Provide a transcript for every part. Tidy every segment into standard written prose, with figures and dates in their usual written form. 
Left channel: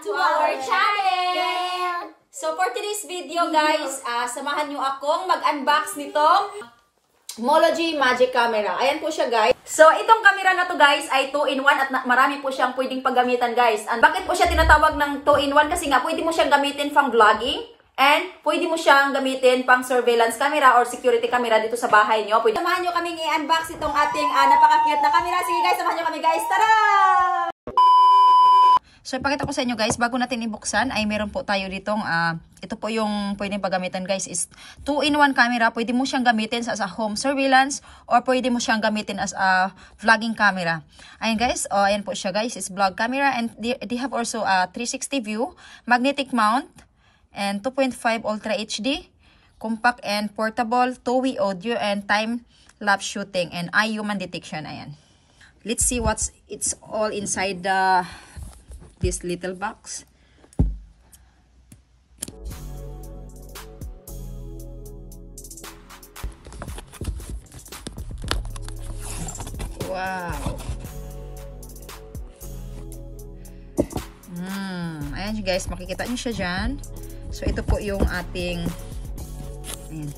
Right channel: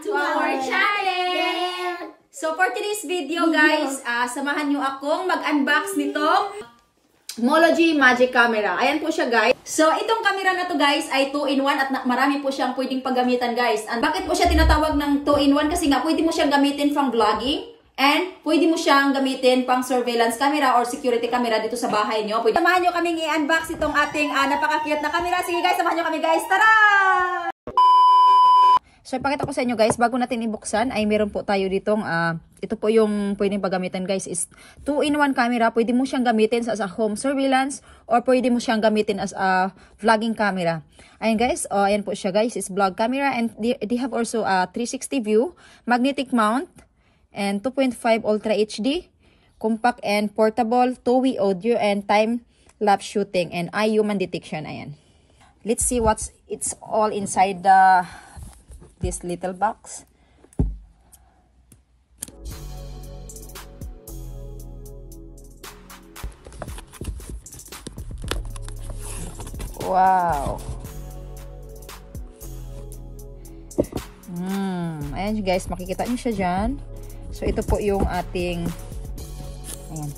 back to our channel! So for today's video guys, samahan nyo akong mag-unbox nitong Mology Magic Camera. Ayan po siya guys. So itong camera na to guys ay 2-in-1 at marami po siyang pwedeng paggamitan guys. And bakit po siya tinatawag ng 2-in-1? Kasi nga pwede mo siyang gamitin pang vlogging. And pwede mo siyang gamitin pang surveillance camera or security camera dito sa bahay nyo. Pwede. Samahan nyo kaming i-unbox itong ating napaka-cute na camera. Sige guys, samahan nyo kami guys. Tara! So, ipakita ko sa inyo guys, bago natin ibuksan, ay meron po tayo ditong, ito po yung pwedeng paggamitan guys, is 2-in-1 camera. Pwede mo siyang gamitin as a home surveillance or pwede mo siyang gamitin as a vlogging camera. Ayan guys, ayan po siya guys, is vlog camera and they have also a 360 view, magnetic mount, and 2.5 Ultra HD, compact and portable, 2-way audio, and time-lapse shooting, and eye human detection. Ayan. Let's see what's it's all inside this little box. Wow. Ayan guys, makikita nyo siya dyan. So, ito po yung ating, ayan,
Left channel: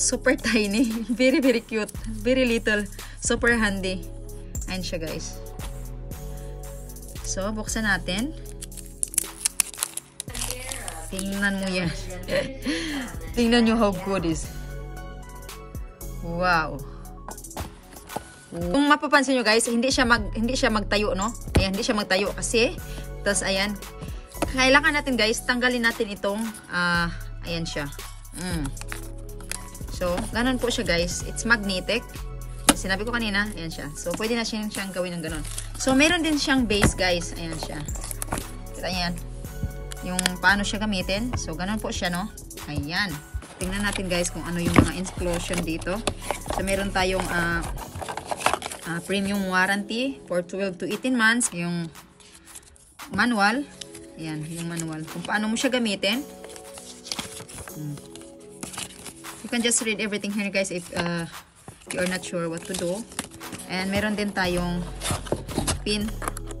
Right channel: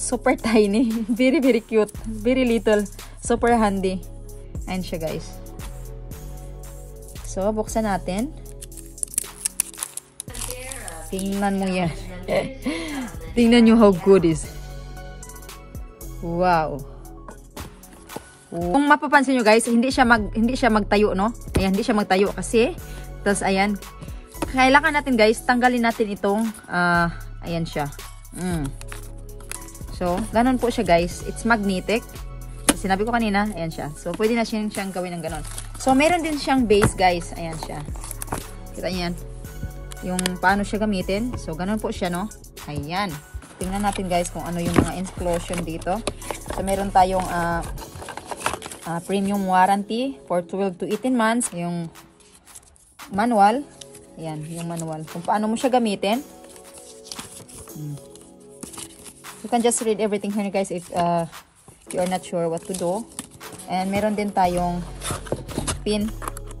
super tiny, very very cute, very little, super handy. Ayan siya guys. So, buksan natin. Tingnan mo yan. Tingnan nyo how good is. Wow. Kung mapapansin nyo guys, hindi siya magtayo, no? Ayan, hindi siya magtayo kasi. Tapos, ayan. Kailangan natin guys, tanggalin natin itong, ayan siya. So, ganun po siya guys. It's magnetic. Sinabi ko kanina, ayan siya. So, pwede na siyang gawin ng ganon. So, meron din siyang base, guys. Ayan siya. Kita niyan. Yung paano siya gamitin. So, ganon po siya, no? Ayan. Tingnan natin, guys, kung ano yung mga inclusion dito. So, meron tayong premium warranty for 12 to 18 months. Yung manual. Ayan, yung manual. Kung paano mo siya gamitin. You can just read everything here, guys, if you are not sure what to do. And meron din tayong pin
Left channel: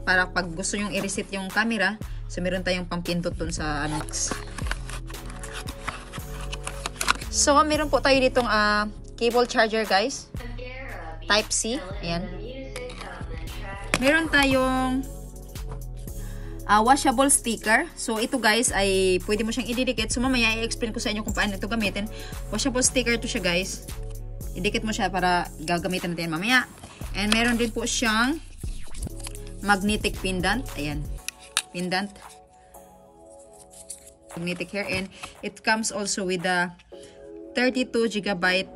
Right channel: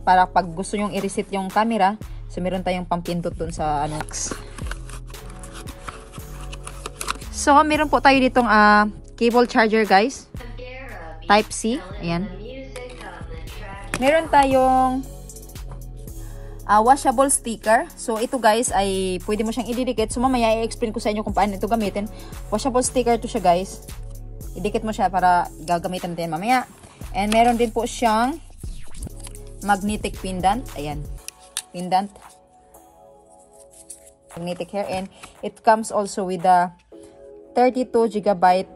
para pag gusto nyong i-reset yung camera. So meron tayong pampindot dun sa next. So meron po tayo ditong cable charger guys. Type C. Ayan. Meron tayong washable sticker. So ito guys ay pwede mo siyang ididikit. So mamaya i-explain ko sa inyo kung paano ito gamitin. Washable sticker to siya guys. Idikit mo siya para gagamitin natin mamaya. And meron din po siyang magnetic pendant. Ayan. Pendant. Magnetic hair. And it comes also with a 32GB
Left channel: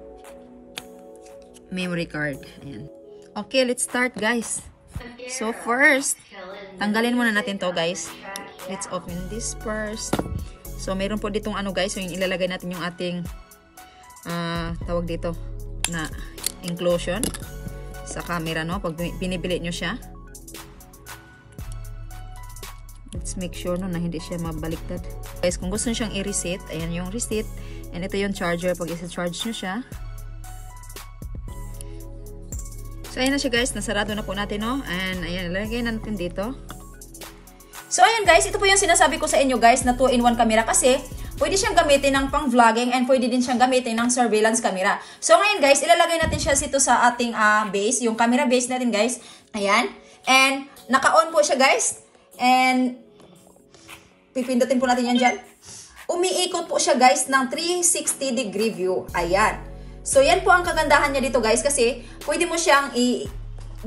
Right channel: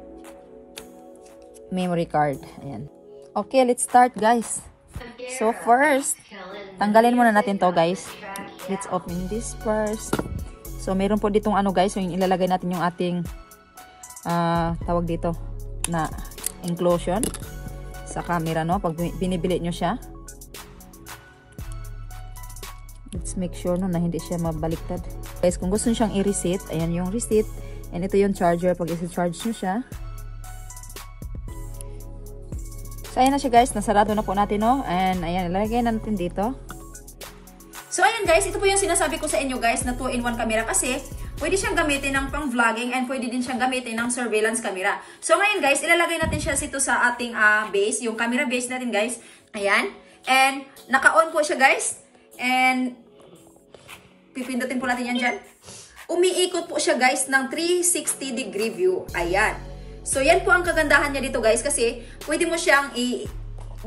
memory card. Ayan. Okay, let's start guys. So first, tanggalin muna natin to guys. Let's open this first. So meron po ditong ano guys. So yung ilalagay natin yung ating tawag dito na inclusion sa camera, no? Pag binibili nyo siya. Let's make sure no na hindi siya mabaliktad. Guys, kung gusto nyo siyang i-reset, ayan yung reset. And ito yung charger pag i-charge nyo siya. So, ayan na siya guys. Nasarado na po natin, no? And ayan, ilagay natin dito. So, ayan guys. Ito po yung sinasabi ko sa inyo guys na 2-in-1 camera kasi pwede siyang gamitin ng pang vlogging and pwede din siyang gamitin ng surveillance camera. So ngayon guys, ilalagay natin siya dito sa ating base, yung camera base natin guys. Ayan. And naka-on po siya guys. And pipindutin po natin yan dyan. Umiikot po siya guys ng 360-degree view. Ayan. So yan po ang kagandahan niya dito guys kasi pwede mo siyang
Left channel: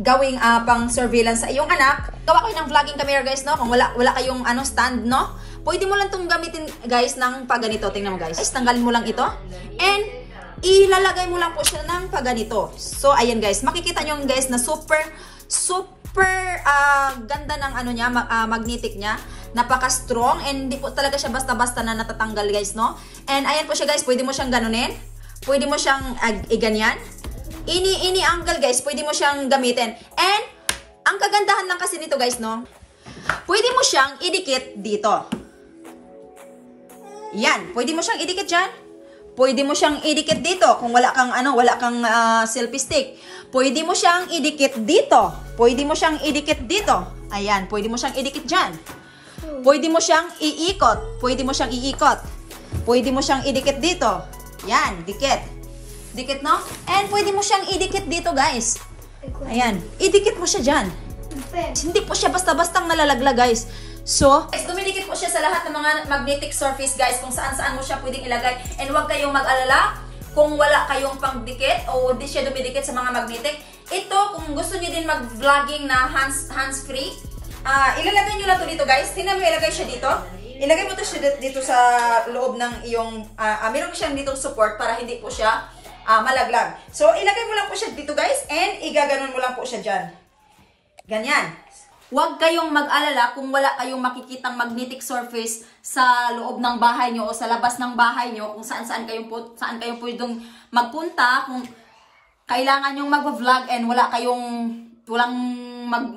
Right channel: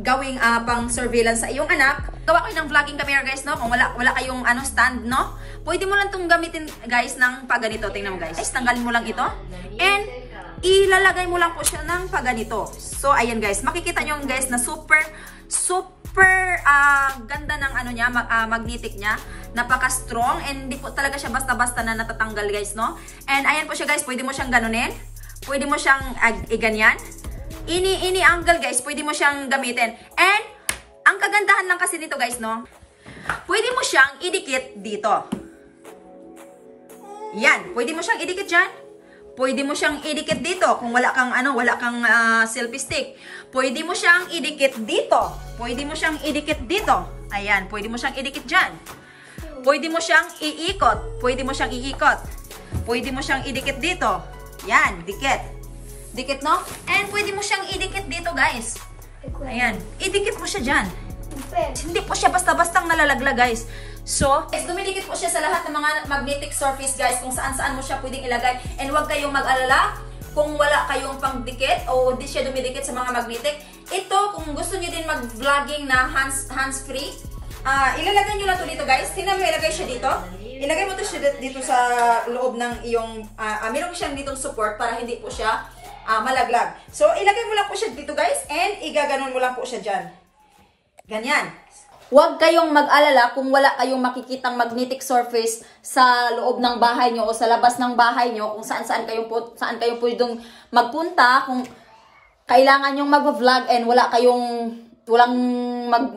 gawing pang surveillance sa iyong anak. Gawa ko ng vlogging camera guys, no? Kung wala kayong stand, no? Pwede mo lang itong gamitin guys ng pagganito. Tingnan mo guys. Tanggalin mo lang ito. And ilalagay mo lang po siya ng pagganito. So ayan guys. Makikita nyo guys na super ganda ng ano niya, magnetic niya. Napaka-strong. And hindi po talaga siya basta-basta na natatanggal guys, no? And ayan po siya guys. Pwede mo siyang ganunin. Pwede mo siyang ganyan. Ini angle guys. Pwede mo siyang gamitin. And ang kagandahan lang kasi nito guys, no? Pwede mo siyang idikit dito. Yan, pwede mo siyang idikit dyan. Pwede mo siyang idikit dito kung wala kang selfie stick. Pwede mo siyang idikit dito. Pwede mo siyang idikit dito. Ayan, pwede mo siyang idikit dyan. Pwede mo siyang iikot. Pwede mo siyang iikot. Pwede mo siyang idikit dito. Yan, dikit. Dikit, no? And pwede mo siyang idikit dito, guys. Ayan. Idikit mo siya dyan. Hindi po siya basta-bastang nalalaglag, guys. So, dumidikit po siya sa lahat ng mga magnetic surface, guys. Kung saan-saan mo siya pwedeng ilagay. And huwag kayong mag-alala kung wala kayong pangdikit o di siya dumidikit sa mga magnetic. Ito, kung gusto niyo din mag-vlogging na hands-free, ilalagay nyo lang to dito, guys. Tingnan mo, ilagay siya dito. Ilagay mo to siya dito sa loob ng iyong, meron siyang ditong support para hindi po siya malaglag. So, ilagay mo lang po siya dito, guys. And igaganon mo lang po siya dyan. Ganyan. Huwag kayong mag-alala kung wala kayong makikitang magnetic surface sa loob ng bahay nyo o sa labas ng bahay nyo, kung saan kayo pwedeng magpunta, kung kailangan nyong mag-vlog and walang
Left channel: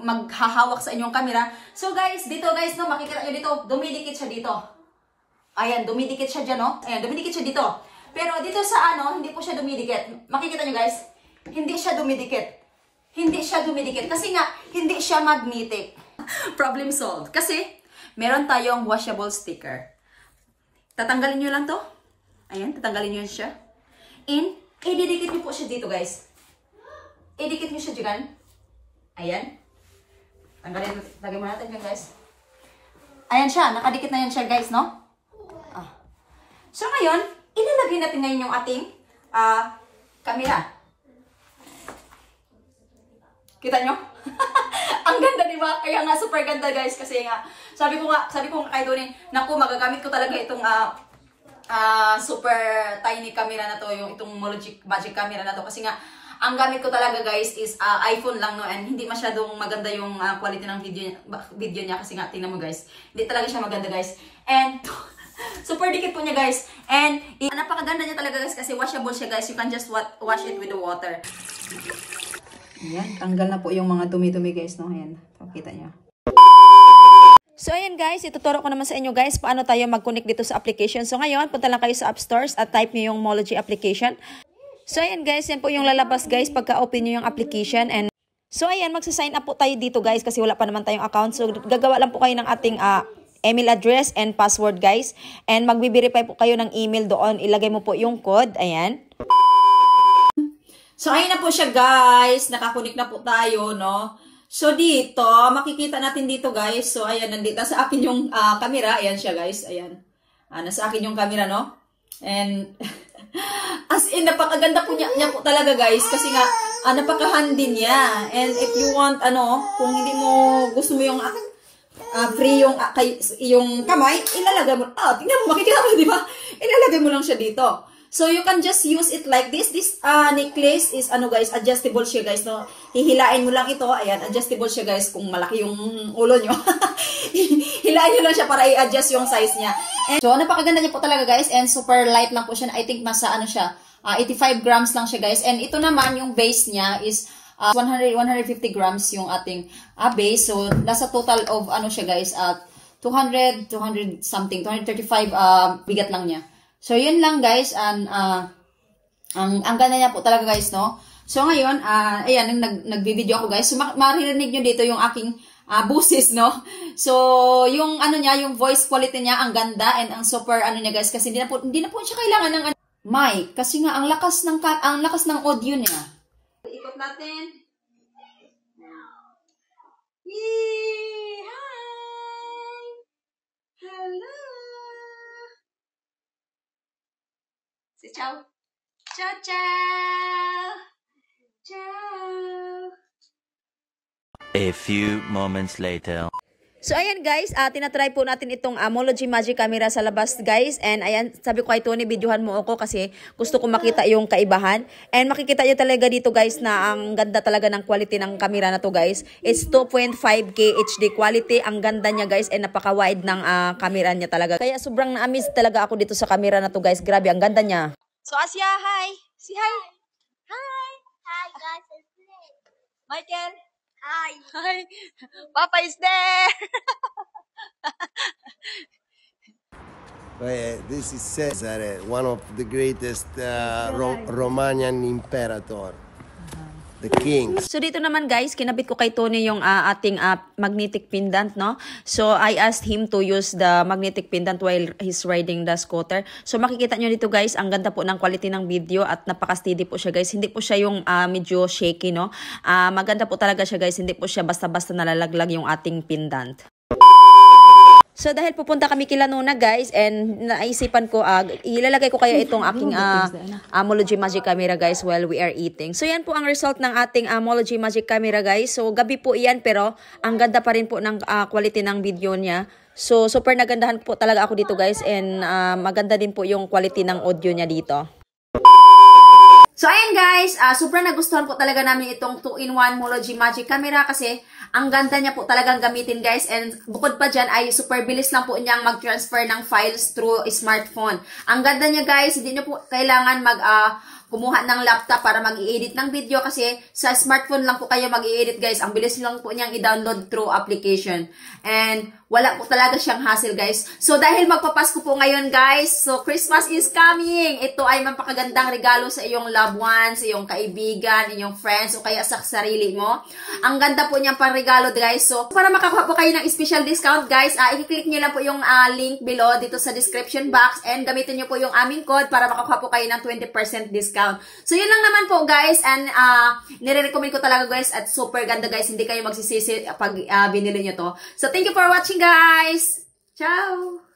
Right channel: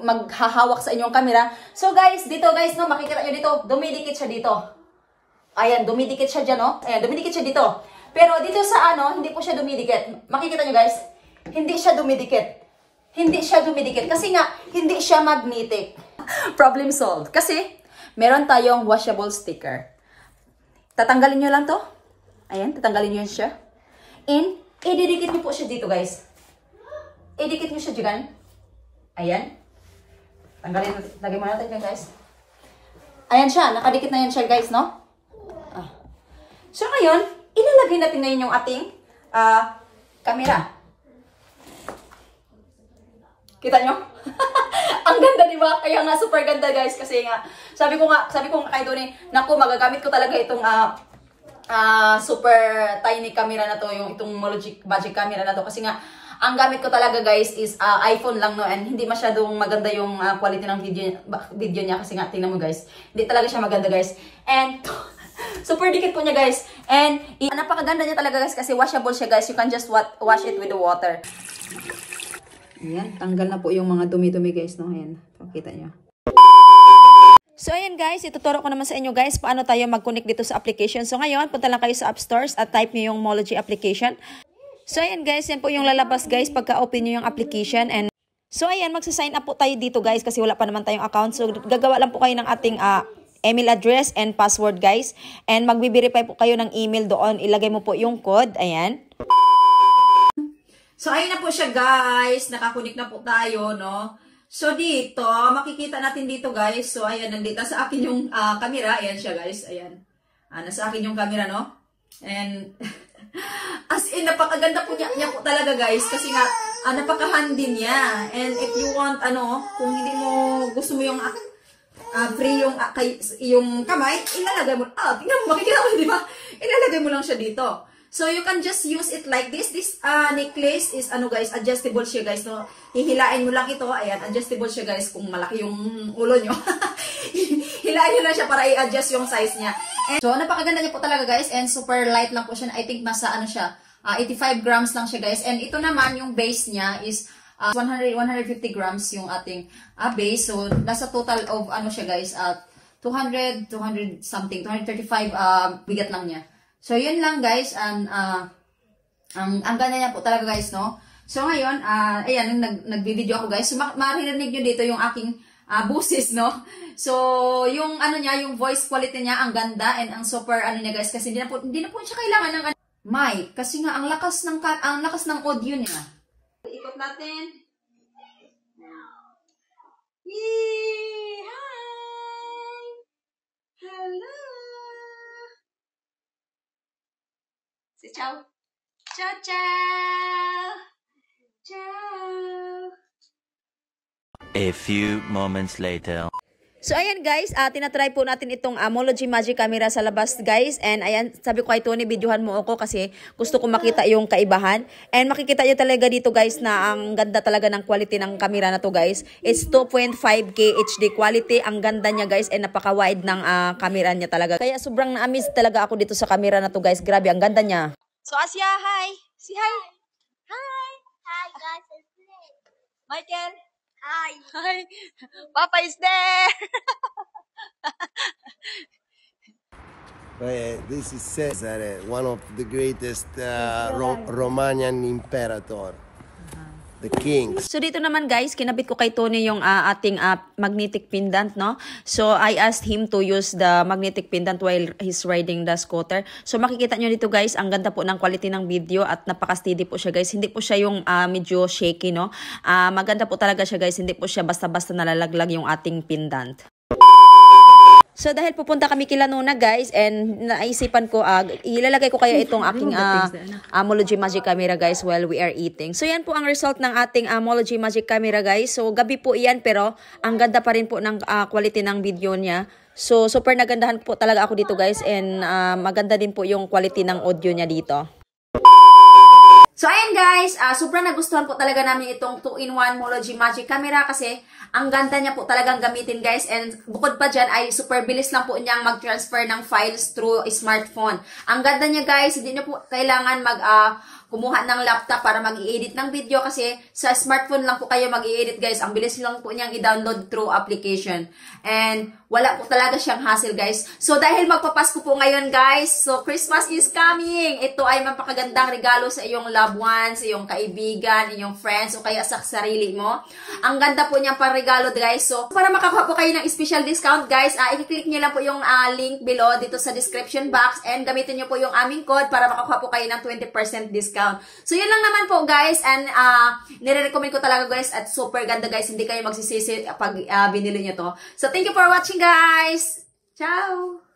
maghahawak sa inyong camera. So guys, dito guys, no, makikita nyo dito, dumidikit siya dito. Ayan, dumidikit siya dyan, no? Ayan, dumidikit siya dito. Pero dito sa hindi po siya dumidikit. Makikita nyo guys, hindi siya dumidikit. Hindi siya dumidikit kasi nga hindi siya magnetic. Problem solved. Kasi meron tayong washable sticker. Tatanggalin nyo lang to. Ayan, tatanggalin nyo siya. And ididikit nyo po siya dito, guys. Idikit nyo siya dyan. Ayan. Lagay mo natin yan, guys. Ayan siya. Nakadikit na yan siya, guys, no? So ngayon, ilalagay natin ngayon yung ating camera. Kita nyo? Ang ganda, di ba? Kaya nga, super ganda, guys. Kasi nga, sabi ko nga kay Tony, naku, magagamit ko talaga itong super tiny camera na to, itong magic camera na to. Kasi nga, ang gamit ko talaga, guys, is iPhone lang, no? And hindi masyadong maganda yung quality ng video niya. Kasi nga, tingnan mo, guys. Hindi talaga siya maganda, guys. And super dikit po niya, guys. And napakaganda niya talaga, guys. Kasi washable siya, guys. You can just wash it with the water. Ayan, tanggal na po yung mga dumi-dumi, guys, no? Ayan, pakita nyo. So, ayan, guys, ituturo ko naman sa inyo, guys, paano tayo mag-connect dito sa application. So, ngayon, punta lang kayo sa App Stores at type nyo yung Mology application. So, ayan, guys, yan po yung lalabas, guys, pagka-open nyo yung application. And so, ayan, magsa-sign up po tayo dito, guys, kasi wala pa naman tayong account. So, gagawa lang po kayo ng ating email address and password, guys. And magbi-verify po kayo ng email doon. Ilagay mo po yung code. Ayan. So, ayun na po siya, guys. Nakakunik na po tayo, no? So, dito, makikita natin dito, guys. So, ayan, nandito sa akin yung camera. Ayan siya, guys. Ayan. Nasa akin yung camera, no? And, as in, napakaganda po niya po talaga, guys. Kasi nga, napaka-handy niya. And if you want, kung hindi mo, gusto mo yung free yung kamay, ilalagay mo. Tingnan mo, makikita mo, di ba? Ilalagay mo lang siya dito. So, you can just use it like this. This necklace is, guys, adjustable siya, guys. No? Hihilain mo lang ito. Ayan, adjustable siya, guys, kung malaki yung ulo nyo. Hilain nyo lang siya para i-adjust yung size niya. And, so, napakaganda niya po talaga, guys. And super light lang po siya. I think nasa, 85 grams lang siya, guys. And ito naman, yung base niya is 150 grams yung ating base. So, nasa total of, siya, guys, 200 something, 235 bigat lang niya. So, yun lang, guys. And, ang ganda niya po talaga, guys, no? So, ngayon, ayan, nagbi-video ako, guys. So, maririnig nyo dito yung aking busis, no? So, yung, yung voice quality niya, ang ganda, and ang super, niya, guys, kasi hindi na po siya kailangan ng mic. Kasi nga, ang lakas ng audio niya. Ikot natin. Yay! Hi! Hello! Say ciao. Ciao, ciao. Ciao. A few moments later. So, ayan guys, tinatry po natin itong Mology Magic Camera sa labas, guys. And ayan, sabi ko kay Tony, videohan mo ako kasi gusto ko makita yung kaibahan. And makikita nyo talaga dito, guys, na ang ganda talaga ng quality ng camera na to, guys. It's 2.5K HD quality. Ang ganda niya, guys, and napaka-wide ng camera niya talaga. Kaya sobrang na-amaze talaga ako dito sa camera na to, guys. Grabe, ang ganda niya. So, Asya, hi! Si hi! Hi! Hi guys, it's me. Michael! Hi. Hi! Papa is there! This is Caesar, one of the greatest Romanian imperator. the king. So dito naman guys, kinabit ko kay Tony yung ating magnetic pendant, no? So I asked him to use the magnetic pendant while he's riding the scooter. So makikita nyo dito guys, ang ganda po ng quality ng video at napaka-steady po siya guys. Hindi po siya yung medyo shaky, no? Maganda po talaga siya guys, hindi po siya basta-basta nalalaglag yung ating pendant. So dahil pupunta kami kila Nona guys, and naisipan ko, ilalagay ko kaya itong aking Amology Magic Camera guys while we are eating. So yan po ang result ng ating Amology Magic Camera guys. So gabi po iyan pero ang ganda pa rin po ng quality ng video niya. So super nagandahan po talaga ako dito guys, and maganda din po yung quality ng audio niya dito. So, ayan guys, sobrang nagustuhan po talaga namin itong 2-in-1 Mology Magic Camera kasi ang ganda niya po talagang gamitin guys, and bukod pa dyan ay super bilis lang po niyang mag-transfer ng files through smartphone. Ang ganda niya guys, hindi niyo po kailangan kumuha ng laptop para mag-i-edit ng video kasi sa smartphone lang po kayo mag-i-edit guys. Ang bilis lang po niyang i-download through application. And wala po talaga siyang hassle guys. So dahil magpapasko po ngayon guys, so Christmas is coming. Ito ay mapakagandang regalo sa iyong loved ones, sa iyong kaibigan, iyong friends, o kaya sa sarili mo. Ang ganda po niyang pang-regalo guys. So para makakuha po kayo ng special discount guys, i-click niyo lang po yung link below dito sa description box and gamitin niyo po yung aming code para makakuha po kayo ng 20% discount. So, yun lang naman po guys, and nire-recommend ko talaga guys, at super ganda guys, hindi kayo magsisisi pag binili nyo to. So, thank you for watching guys! Ciao!